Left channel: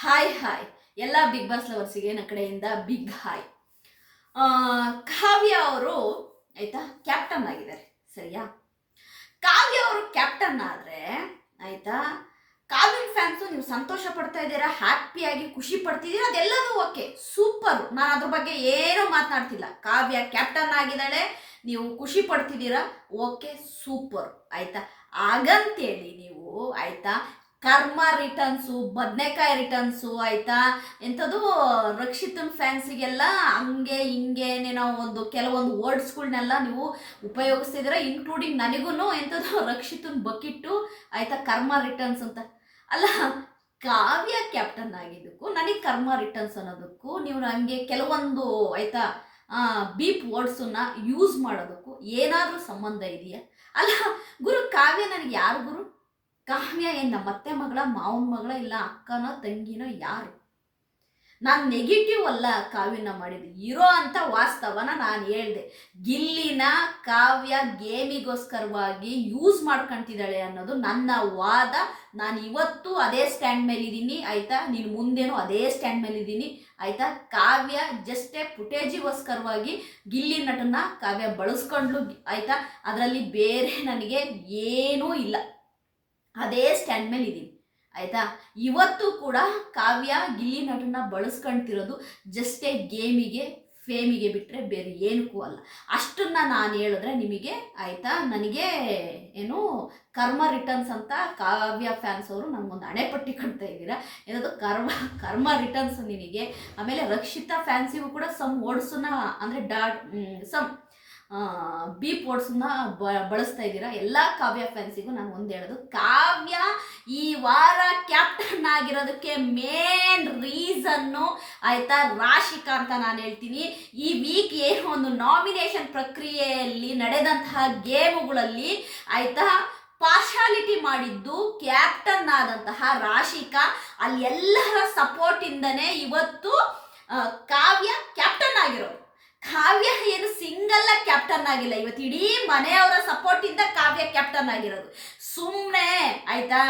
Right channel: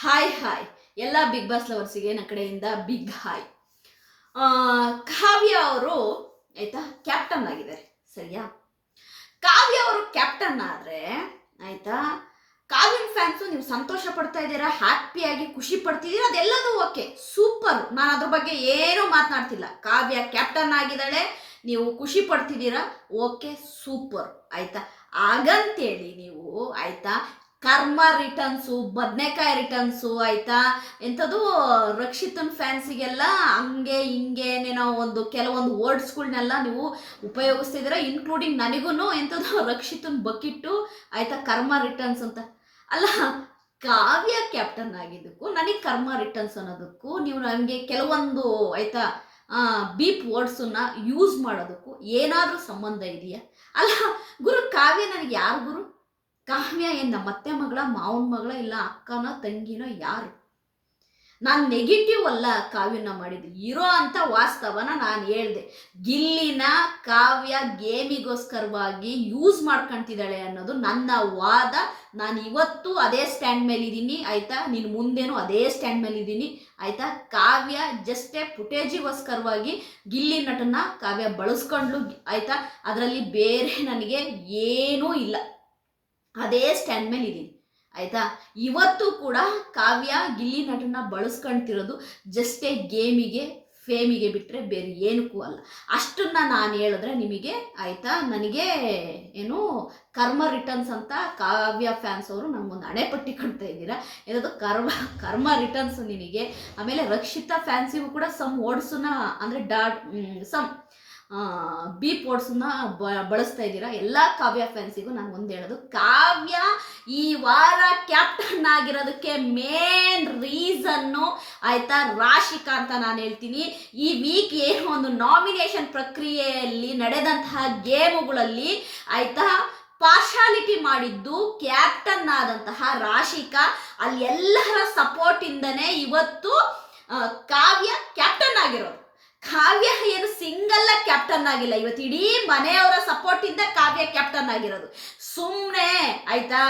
Hi ಎಲ್ಲ big boss ಲವರ್ಸಿಗೆ ನನ್ನ ಕಡೆಯಿಂದ ಬಿಗ್ ಹಾಯ್. ಕಾವ್ಯ ಅವರು ಆಯ್ತಾ ಕ್ಯಾಪ್ಟನ್ ಆಗಿದ್ದಾರೆ, ಸರಿಯಾ? ಕಾವ್ಯ ಅವರು ಕ್ಯಾಪ್ಟನ್ ಆದ್ರೆ ಆಯ್ತಾ, ಕಾವ್ಯನ್ ಫ್ಯಾನ್ಸು ನೀವು ಸಂತೋಷ ಪಡ್ತಾ ಇದ್ದೀರಾ, ಹ್ಯಾಪಿಯಾಗಿ ಖುಷಿ ಪಡ್ತಿದ್ದೀರಾ, ಅದೆಲ್ಲದೂ ಓಕೆ, ಸೂಪರ್. ನಾನು ಅದ್ರ ಬಗ್ಗೆ ಏನೂ ಮಾತನಾಡ್ತಿಲ್ಲ. ಕಾವ್ಯ ಕ್ಯಾಪ್ಟನ್ ಆಗಿದ್ದಾಳೆ, ನೀವು ಖುಷಿ ಪಡ್ತಿದ್ದೀರಾ, ಓಕೆ, ಸೂಪರ್, ಆಯ್ತಾ? ಹಾಗಂತೇಳಿ ನೀವು ಆಯ್ತಾ ಕರ್ಮ ರಿಟರ್ನ್ಸು, ಬದನೆಕಾಯಿ ರಿಟರ್ನ್ಸು, ಆಯ್ತಾ, ಎಂಥದ್ದು ರಕ್ಷಿತನ್ ಫ್ಯಾನ್ಸಿಗೆಲ್ಲ ಹಂಗೆ ಹಿಂಗೇನೇನೋ ಕೆಲವೊಂದು ವರ್ಡ್ಸ್ಗಳನ್ನೆಲ್ಲ ನೀವು ಉಪಯೋಗಿಸ್ತಿದ್ದೀರಾ, ಇನ್ಕ್ಲೂಡಿಂಗ್ ನನಗೂ ಎಂಥದ್ದು ರಕ್ಷಿತನ್ ಬಕಿಟ್ಟು, ಆಯ್ತಾ, ಕರ್ಮ ರಿಟರ್ನ್ಸ್ ಅಂತ. ಅಲ್ಲ, ಕಾವ್ಯ ಕ್ಯಾಪ್ಟನ್ ಆಗಿದ್ದಕ್ಕೂ ನನಗೆ ಕರ್ಮ ರಿಟರ್ನ್ಸ್ ಅನ್ನೋದಕ್ಕೂ ನೀವು ನನಗೆ ಕೆಲವೊಂದು ಆಯ್ತಾ ಬೀಪ್ ವರ್ಡ್ಸನ್ನ ಯೂಸ್ ಮಾಡೋದಕ್ಕೂ ಏನಾದರೂ ಸಂಬಂಧ ಇದೆಯಾ? ಅಲ್ಲ ಗುರು, ಕಾವ್ಯ ನನಗೆ ಯಾರು ಗುರು? ಕಾವ್ಯ ಏನು ನಮ್ಮ ಅತ್ತೆ ಮಗಳ, ಮಾವನ ಮಗಳ, ಇಲ್ಲ ಅಕ್ಕನೋ ತಂಗಿನೋ ಯಾರು? ನಾನು ನೆಗೆಟಿವ್ ಅಲ್ಲ ಕಾವ್ಯನ ಮಾಡಿದ್ದು, ಇರೋ ಅಂತ ವಾಸ್ತವನ ನಾನು ಹೇಳ್ದೆ. ಗಿಲ್ಲಿನ ಕಾವ್ಯ ಗೇಮಿಗೋಸ್ಕರವಾಗಿ ಯೂಸ್ ಮಾಡ್ಕೊತಿದ್ದಾಳೆ ಅನ್ನೋದು ನನ್ನ ವಾದ. ನಾನು ಇವತ್ತು ಅದೇ ಸ್ಟ್ಯಾಂಡ್ ಮೇಲಿದ್ದೀನಿ, ಆಯಿತಾ? ನೀನು ಮುಂದೇನು ಅದೇ ಸ್ಟ್ಯಾಂಡ್ ಮೇಲಿದ್ದೀನಿ, ಆಯಿತಾ? ಕಾವ್ಯ ಜಸ್ಟೇ ಫುಟೇಜಿಗೋಸ್ಕರವಾಗಿ ಗಿಲ್ಲಿ ನಟನ ಕಾವ್ಯ ಬಳಸ್ಕೊಂಡ್ಲು, ಆಯಿತಾ? ಅದರಲ್ಲಿ ಬೇರೆ ನನಗೆ ಏನೂ ಇಲ್ಲ, ಅದೇ ಸ್ಟ್ಯಾಂಡ್ ಮೇಲೆ ಇದ್ದೀನಿ, ಆಯಿತಾ? ಇವತ್ತು ಕೂಡ ಕಾವ್ಯ ಗಿಲ್ಲಿ ನಟನ ಬಳಸ್ಕೊಳ್ತಿರೋದು ಜಸ್ಟೇ ಗೇಮಿಗೆ, ಫೇಮಿಗೆ ಬಿಟ್ಟರೆ ಬೇರೆ ಏನಕ್ಕೂ ಅಲ್ಲ. ಅಷ್ಟನ್ನು ನಾನು ಹೇಳಿದ್ರೆ ನಿಮಗೆ ಆಯಿತಾ, ನನಗೆ ಏನು ಕರ್ಮ ರಿಟರ್ನ್ಸ್ ಅಂತ ಕಾವ್ಯ ಫ್ಯಾನ್ಸ್ ಅವರು ನನಗೊಂದು ಹಣೆಪಟ್ಟಿ ಕಟ್ತಾ ಇದ್ದೀರಾ. ಏನದು ಕರ್ಮ ರಿಟರ್ನ್ಸ್ ನಿನಗೆ. ಆಮೇಲೆ ರಕ್ಷಿತಾ ಫ್ಯಾನ್ಸಿಗೂ ಕೂಡ ಸಮ್ ವರ್ಡ್ಸನ್ನ ಅಂದರೆ ಸಮ್ ಬೀಪ್ ವರ್ಡ್ಸನ್ನ ಬಳಸ್ತಾ ಇದ್ದೀರಾ. ಎಲ್ಲ ಕಾವ್ಯ ಫ್ಯಾನ್ಸಿಗೂ ನಾನು ಒಂದು ಹೇಳೋದು, ಕಾವ್ಯ ಈ ವಾರ ಕ್ಯಾಪ್ಟನ್ ಆಗಿರೋದಕ್ಕೆ ಮೇನ್ ರೀಸನ್ನು ಆಯಿತಾ ರಾಶಿಕಾ ಅಂತ ನಾನು ಹೇಳ್ತೀನಿ. ಈ ವೀಕ್ ಏನೋ ಒಂದು ನಾಮಿನೇಷನ್ ಪ್ರಕ್ರಿಯೆಯಲ್ಲಿ ನಡೆದಂತಹ ಗೇಮುಗಳಲ್ಲಿ ಆಯಿತಾ ಪಾರ್ಶಾಲಿಟಿ ಮಾಡಿದ್ದು ಕ್ಯಾಪ್ಟನ್ ಆದಂತಹ ರಾಶಿಕಾ. ಅಲ್ಲಿ ಎಲ್ಲರ ಸಪೋರ್ಟಿಂದನೇ ಇವತ್ತು ಕಾವ್ಯ ಕ್ಯಾಪ್ಟನ್ ಆಗಿರೋದು. ಕಾವ್ಯ ಏನು ಸಿಂಗಲ್ ಕ್ಯಾಪ್ಟನ್ ಆಗಿಲ್ಲ, ಇವತ್ತು ಇಡೀ ಮನೆಯವರ ಸಪೋರ್ಟಿಂದ ಕಾವ್ಯ ಕ್ಯಾಪ್ಟನ್ ಆಗಿರೋದು. ಸುಮ್ಮನೆ ಆಯ್ತಾ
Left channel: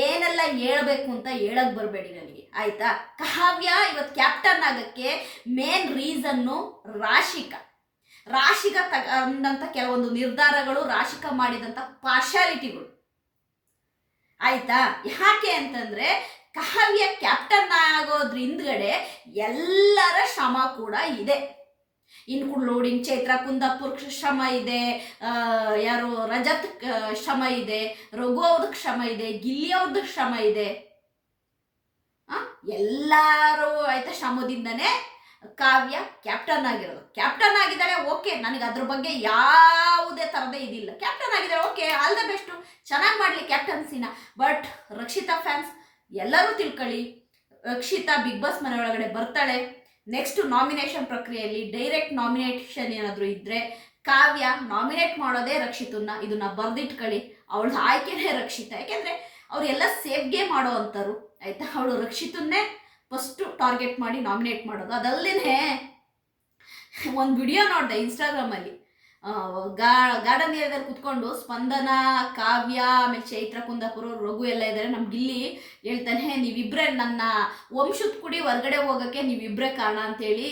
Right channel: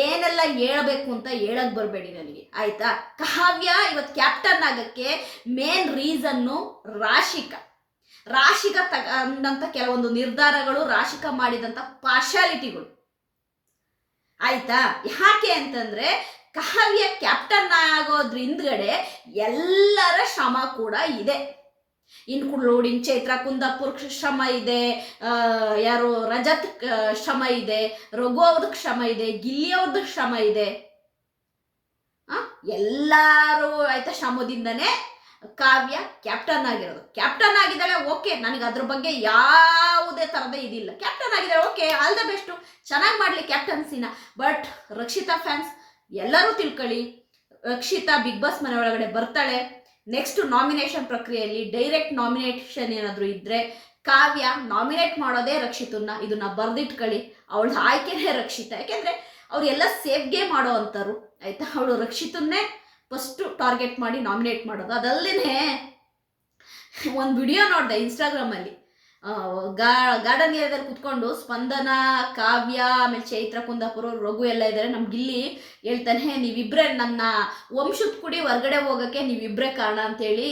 ಏನೆಲ್ಲ ಹೇಳ್ಬೇಕು ಅಂತ ಹೇಳಕ್ ಬರಬೇಡಿ ನನಗೆ, ಆಯ್ತಾ? ಕಾವ್ಯ ಇವತ್ತು ಕ್ಯಾಪ್ಟನ್ ಆಗಕ್ಕೆ ಮೇನ್ ರೀಸನ್ನು ರಾಶಿಕಾ ತಗೊಂಡಂಥ ಕೆಲವೊಂದು ನಿರ್ಧಾರಗಳು, ರಾಶಿಕಾ ಮಾಡಿದಂಥ ಪಾರ್ಶಾಲಿಟಿಗಳು, ಆಯ್ತಾ? ಯಾಕೆ ಅಂತಂದ್ರೆ ಕಾವ್ಯ ಕ್ಯಾಪ್ಟನ್ ಆಗೋದ್ರ ಹಿಂದ್ಗಡೆ ಎಲ್ಲರ ಶ್ರಮ ಕೂಡ ಇದೆ, ಇನ್ಕ್ಲೂಡಿಂಗ್ ಚೈತ್ರ ಕುಂದಾಪುರ್ ಶ್ರಮ ಇದೆ, ಯಾರು ರಜತ್ ಶ್ರಮ ಇದೆ, ರಘು ಅವ್ರದ್ದು ಶ್ರಮ ಇದೆ, ಗಿಲ್ಲಿ ಅವ್ರದ್ದು ಶ್ರಮ ಇದೆ. ಎಲ್ಲರೂ ಆಯ್ತಾ ಶ್ರಮದಿಂದನೇ ಕಾವ್ಯ ಕ್ಯಾಪ್ಟನ್ ಆಗಿರೋದು. ಕ್ಯಾಪ್ಟನ್ ಆಗಿದ್ದಾಳೆ, ಓಕೆ, ನನಗೆ ಅದ್ರ ಬಗ್ಗೆ ಯಾವುದೇ ಥರದ ಇದಿಲ್ಲ. ಕ್ಯಾಪ್ಟನ್ ಆಗಿದ್ದಾಳೆ, ಓಕೆ, ಆಲ್ ದ ಬೆಸ್ಟು, ಚೆನ್ನಾಗಿ ಮಾಡಲಿ ಕ್ಯಾಪ್ಟನ್ಸಿನ. ಬಟ್ ರಕ್ಷಿತಾ ಫ್ಯಾನ್ಸ್ ಎಲ್ಲರೂ ತಿಳ್ಕೊಳ್ಳಿ, ರಕ್ಷಿತಾ ಬಿಗ್ ಬಾಸ್ ಮನೆ ಒಳಗಡೆ ಬರ್ತಾಳೆ. ನೆಕ್ಸ್ಟ್ ನಾಮಿನೇಷನ್ ಪ್ರಕ್ರಿಯೆಯಲ್ಲಿ ಡೈರೆಕ್ಟ್ ನಾಮಿನೇಷನ್ ಏನಾದರೂ ಇದ್ದರೆ ಕಾವ್ಯ ನಾಮಿನೇಟ್ ಮಾಡೋದೇ ರಕ್ಷಿತನ್ನ, ಇದನ್ನ ಬರೆದಿಟ್ಕೊಳ್ಳಿ. ಅವಳ ಆಯ್ಕೆನೇ ರಕ್ಷಿತಾ, ಯಾಕೆಂದರೆ ಅವರೆಲ್ಲ ಸೇಫ್ಗೆ ಮಾಡೋ ಅಂಥವ್ರು, ಆಯಿತಾ? ಅವಳು ರಕ್ಷಿತನ್ನೇ ಫಸ್ಟು ಟಾರ್ಗೆಟ್ ಮಾಡಿ ನಾಮಿನೇಟ್ ಮಾಡೋದು. ಅದಲ್ಲದೆ ಒಂದು ವಿಡಿಯೋ ನೋಡಿದೆ ಇನ್ಸ್ಟಾಗ್ರಾಮಲ್ಲಿ, ಗಾರ್ಡನ್ ಏರಿಯಾದಲ್ಲಿ ಕುತ್ಕೊಂಡು ಸ್ಪಂದನ, ಕಾವ್ಯ, ಆಮೇಲೆ ಚೈತ್ರ ಕುಂದಾಪುರ, ರಘು ಎಲ್ಲ ಇದ್ದಾರೆ. ನಮ್ಮ ಗಿಲ್ಲಿ ಹೇಳ್ತಾನೆ, ನೀವಿಬ್ಬರೇ ನನ್ನ ವಂಶದ ಕುಡಿ ಹೊರಗಡೆ ಹೋಗೋಕ್ಕೆ ನೀವಿಬ್ಬರೇ ಕಾರಣ ಅಂತೇಳಿ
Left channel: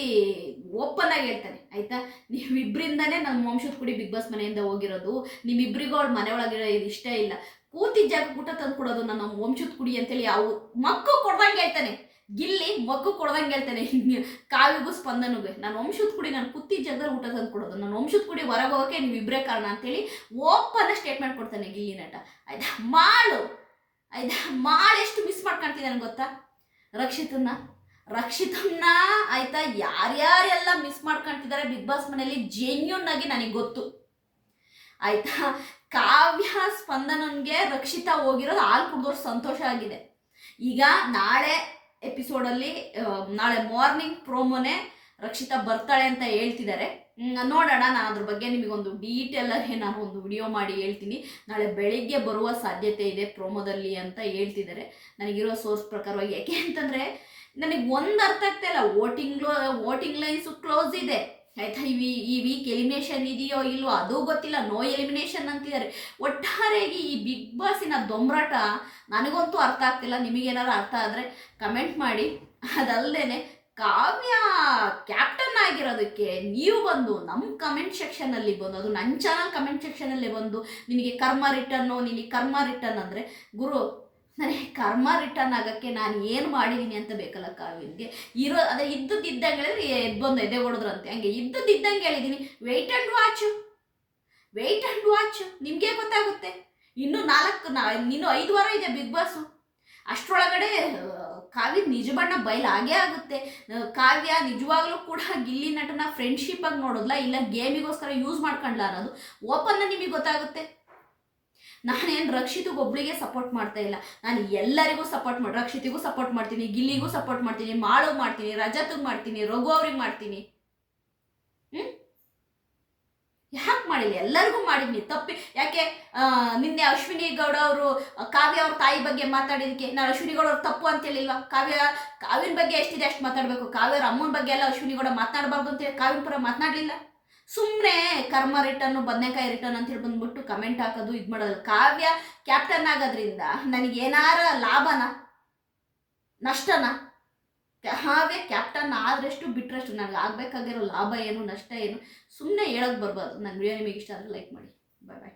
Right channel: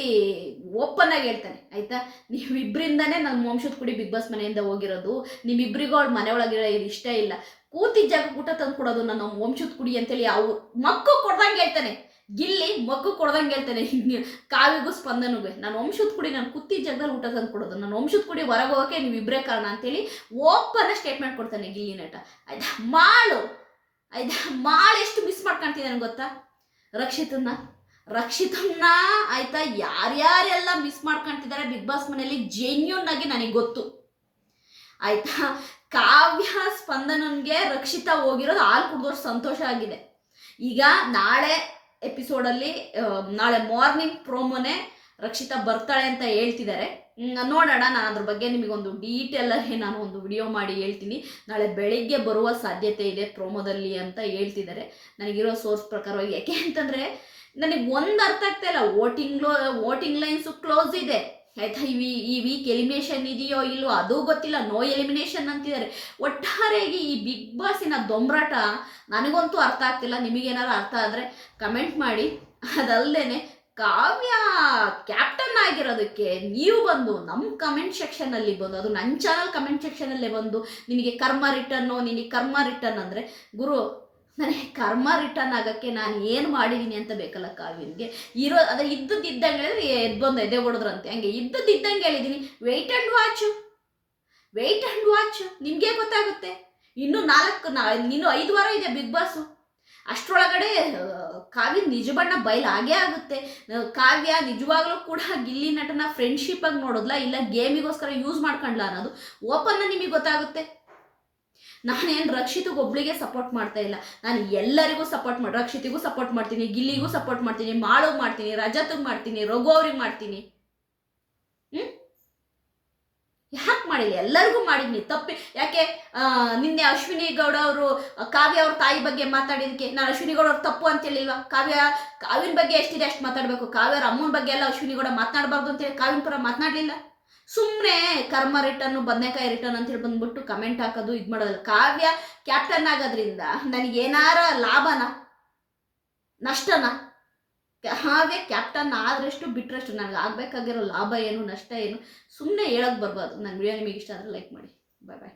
ಓಪನ್ ಆಗಿ ಹೇಳ್ತಾನೆ, ಆಯಿತಾ? ನೀವಿಬ್ಬರಿಂದನೇ ನನ್ನ ವಂಶದ ಕುಡಿ ಬಿಗ್ ಬಾಸ್ ಮನೆಯಿಂದ ಹೋಗಿರೋದು, ನಿಮ್ಮಿಬ್ಬರಿಗೂ ಅವಳು ಮನೆ ಒಳಗಿರೋ ಇಷ್ಟ ಇಲ್ಲ, ಕೂತಿದ್ದ ಜಾಗ ಊಟ ತಂದು ಕೊಡೋದು ನನ್ನ ವಂಶದ ಕುಡಿ ಅಂತೇಳಿ ಅವು ಮಕ್ಕು ಕೊಡ್ದಂಗೆ ಹೇಳ್ತಾನೆ. ಗಿಲ್ಲಿ ಮಗ್ಗು ಕೊಡ್ದಂಗೆ ಹೇಳ್ತಾನೆ ಕಾವ್ಯಗೂ ಸ್ಪಂದನಿಗೆ, ನಾನು ವಂಶದ ಕುಡಿ, ನಾನು ಕೂತಿದ್ದ ಜಾಗದಲ್ಲಿ ಊಟ ತಂದು ಕೊಡೋದು, ನಾನು ವಂಶದ ಕುಡಿ ಹೊರಗೆ ಹೋಗೋಕೆ ನೀವಿಬ್ಬರೇ ಕಾರಣ ಅಂತೇಳಿ ಓಪನ್ ಸ್ಟೇಟ್ಮೆಂಟ್ ಕೊಡ್ತಾನೆ ಗಿಲ್ಲಿ ನಟ, ಆಯ್ತಾ? ಮಾಳು ಎಷ್ಟು ಮಿಸ್ ಮಾಡ್ಕೊಳ್ತಿದ್ದಾನೆ ಗೊತ್ತಾ ರಕ್ಷಿತನ್ನ, ಆಯ್ತಾ? ಯಾರ್ಯಾರೆಲ್ಲ ಮಿಸ್ ಮಾಡ್ಕೊಳ್ತಿದ್ದಾರೆ ಬಿಗ್ ಬಾಸ್ ಮನೆಯಲ್ಲಿ ಜೆನ್ಯೂನ್ ಆಗಿ ನನಗೆ ಗೊತ್ತು, ಆಯ್ತಾ? ಕಾವ್ಯ ಸ್ಪಂದನನ್ಗೆ ರಕ್ಷಿತಾ ಹೋಗಿರೋದು ಹಾಲು ಕುಡಿದೋರು ಸಂತೋಷ ಆಗಿದೆ. ಈಗ ನಾಳೆ ಎಪಿಸೋಡಲ್ಲಿ, ನಾಳೆ ಮಾರ್ನಿಂಗ್ ಪ್ರೋಮೋನೇ ರಕ್ಷಿತಾ ಬರ್ತಾಳೆ ಅಂತ ಹೇಳ್ತಿದ್ದಾರೆ. ನೋಡೋಣ, ನಾನು ಅದ್ರ ಬಗ್ಗೆ ನಿಮಗೊಂದು ಡೀಟೇಲಾಗಿ ನಾನು ಒಂದು ವಿಡಿಯೋ ಮಾಡಿ ಹೇಳ್ತೀನಿ. ನಾಳೆ ಬೆಳಿಗ್ಗೆ ಬರುವ ಸಾಧ್ಯತೆ ಇದೆ ಪ್ರೋಮೋದಲ್ಲಿ ಅಂತ ಹೇಳ್ತಿದ್ದಾರೆ ನನಗಿರೋ ಸೋರ್ಸ್ ಪ್ರಕಾರವಾಗಿ. ಯಾಕೆ ಅಂತಂದರೆ ನನಗೆ ಒಂದು ಅರ್ಥ ಆಗ್ತಾ ಇಲ್ಲ, ವೋಟಿಂಗ್ ಲೈನ್ಸು ಕ್ಲೋಸ್ ಇದೆ, ಆಯ್ತಾ. ಈ ವೀಕ್ ಎಲಿಮಿನೇಷನ್ ಇದೆಯೋ ಇಲ್ಲೋ ಅದು ಗೊತ್ತಿಲ್ಲ, ನೋ ಎಲಿಮಿನೇಷನ್ ಅಂತಿದ್ದಾರೆ. ಒಟ್ಟಾರೆಯಾಗಿ ಈ ಬಿಗ್ ಬಾಸಿನ ದೊಂಬರಾಟ ನನಗಂತೂ ಅರ್ಥ ಆಗ್ತಿಲ್ಲ. ನಿಮಗೇನಾರು ಅರ್ಥ ಆದರೆ ಕಮೆಂಟ್ ಮಾಡಿ. ಅದಲ್ಲದೆ ಕಾವ್ಯ ಕ್ಯಾಪ್ಟನ್ ಆಗಿರೋದಕ್ಕೆ ನೀವು ಬಂದು ನಮ್ಮ ಕಮೆಂಟ್ ಸೆಕ್ಷನಲ್ಲಿ ಬಂದು, ಅದು ನನ್ನ ಚಾನಲ್ ಕಮೆಂಟ್ ಸೆಕ್ಷನಲ್ಲೇ ಬಂದು ನಿನಗೆ ಕರ್ಮ ರಿಟರ್ನ್ ಅಂದರೆ ಗುರು, ನನಗೆ ಕರ್ಮ ರಿಟರ್ನ್ ಆಗೋಕ್ಕೆ ನಾನು ಏನು ಮಾಡಿದ್ದೀನಿ ಅಂತ ಬೇಕಲ್ಲ ಕಾವ್ಯನಿಗೆ. ಅದೇ ಇದ್ದಂಗೆ ಹೇಳಿದ್ರೆ ಬಂದು ಎದೆ ಹೊಡೆದ್ರಂತೆ, ಹಂಗೆ ಇದ್ದಂಗೆ ಹೇಳಿದ್ದೀನಿ. ವೆಯ್ಟ್ ಆ್ಯಂಡ್ ವಾಚ್ ನಿಮಗೆ ಗೊತ್ತಾಗುತ್ತೆ. ಇನ್ನೂ 5 ವಾರ ಇದೆ ಬಿಗ್ ಬಾಸು. ಅಷ್ಟರೊಳಗಡೆ ಕಾವ್ಯ ನಿಜ ಬಣ್ಣ ಬಯಲಾಗೇ ಆಗುತ್ತೆ. ಕಾವ್ಯ ನಿಜವಾಗ್ಲೂ ಕೂಡ ಗಿಲ್ಲಿ ನಟನ ಫ್ರೆಂಡ್ಶಿಪ್ ಆಗಿ ನೋಡೋದ್ಲ, ಇಲ್ಲ ಗೇಮಿಗೋಸ್ಕರ ಯೂಸ್ ಮಾಡ್ಕೊಂಡ್ಲ ಅನ್ನೋದು ಓಪನ್ ನಿಮಗೆ ಗೊತ್ತಾಗುತ್ತೆ. ನಾನೇನು ರಕ್ಷಿತ್ಗೆ ಒಬ್ಳಿಗೆ ಸಪೋರ್ಟ್ ಮಾಡ್ತಾ ಇಲ್ಲ, ನಾನು ಎಲ್ಲರಿಗೂ ರಕ್ಷಿತಿಗೂ ಸಪೋರ್ಟ್ ಮಾಡ್ತೀನಿ, ಗಿಲ್ಲಿಗೂ ಸಪೋರ್ಟ್ ಮಾಡ್ತೀನಿ, ಮಾಳುಗ್ ಮಾಡ್ತೀನಿ, ರಜತ್ಗೆ ಮಾಡ್ತೀನಿ, ರಘು ಅವ್ರಿಗೆ ಮಾಡ್ತೀನಿ. ಯಾಕೆ ಮಾಡಿಲ್ಲ? ಎಲ್ಲರಿಗೂ ಮಾಡಿದ್ನಿ. ತಪ್ಪಿ ಯಾಕೆ? ನಿನ್ನೆ ಅಶ್ವಿನಿ ಗೌಡ ಅವರು ಕಾವ್ಯ ಅವ್ರ ತಾಯಿ ಬಗ್ಗೆ ಮಾತಾಡಿದಕ್ಕೆ ನಾನು ಅಶ್ವಿನಿ ಗೌಡ ಅವ್ರು ತಪ್ಪು ಅಂತ ಹೇಳಿಲ್ವಾ? ಕಾವ್ಯನ ಬಗ್ಗೆ ಎಷ್ಟಿದೆ ಅಷ್ಟು ಮಾತಾಡಬೇಕು. ಕಾವ್ಯರ ಅಮ್ಮನ ಬಗ್ಗೆ ಎಲ್ಲ ಅಶ್ವಿನಿ ಗೌಡ ಮಾತನಾಡಬಾರ್ದು ಅಂತೇಳಿ ಕಾವ್ಯನ ಪರ ಮಾತನಾಡಲಿಲ್ಲ. ಸುಮ್ಮನೆ ಕರ್ಮ ರಿಟರ್ನು ಬದನೆಕಾಯಿ ರಿಟರ್ನ್ ಅಂತೇಳಿ ಬಂದ್ಬಿಟ್ಟು ಕಮೆಂಟ್ ಹಾಕೋದು ಇದು ಮಾಡೋದಲ್ಲ. ಕಾವ್ಯ ಕ್ಯಾಪ್ಟನ್ ಆಗೋದ್ರಿಂದ ನನಗೇನಾರ ಲಾಭನ ನಷ್ಟನ? ಕಾವ್ಯ ಕ್ಯಾಪ್ಟನ್ ಆದ್ರಷ್ಟು ಬಿಟ್ರಷ್ಟು ನನಗೆ ಆಗಬೇಕಾಗಿರೋ ಲಾಭ ಏನು ನಷ್ಟ ಏನು ಸುಮ್ಮನೆ ಹೇಳೋಕೆ ಬರಬಾರ್ದು. ನನ್ನ ವಿಡಿಯೋ ನಿಮಗೆ ಇಷ್ಟ ಆದರೆ ಲೈಕ್ ಮಾಡಿ. ಬಾಯ್ ಬಾಯ್.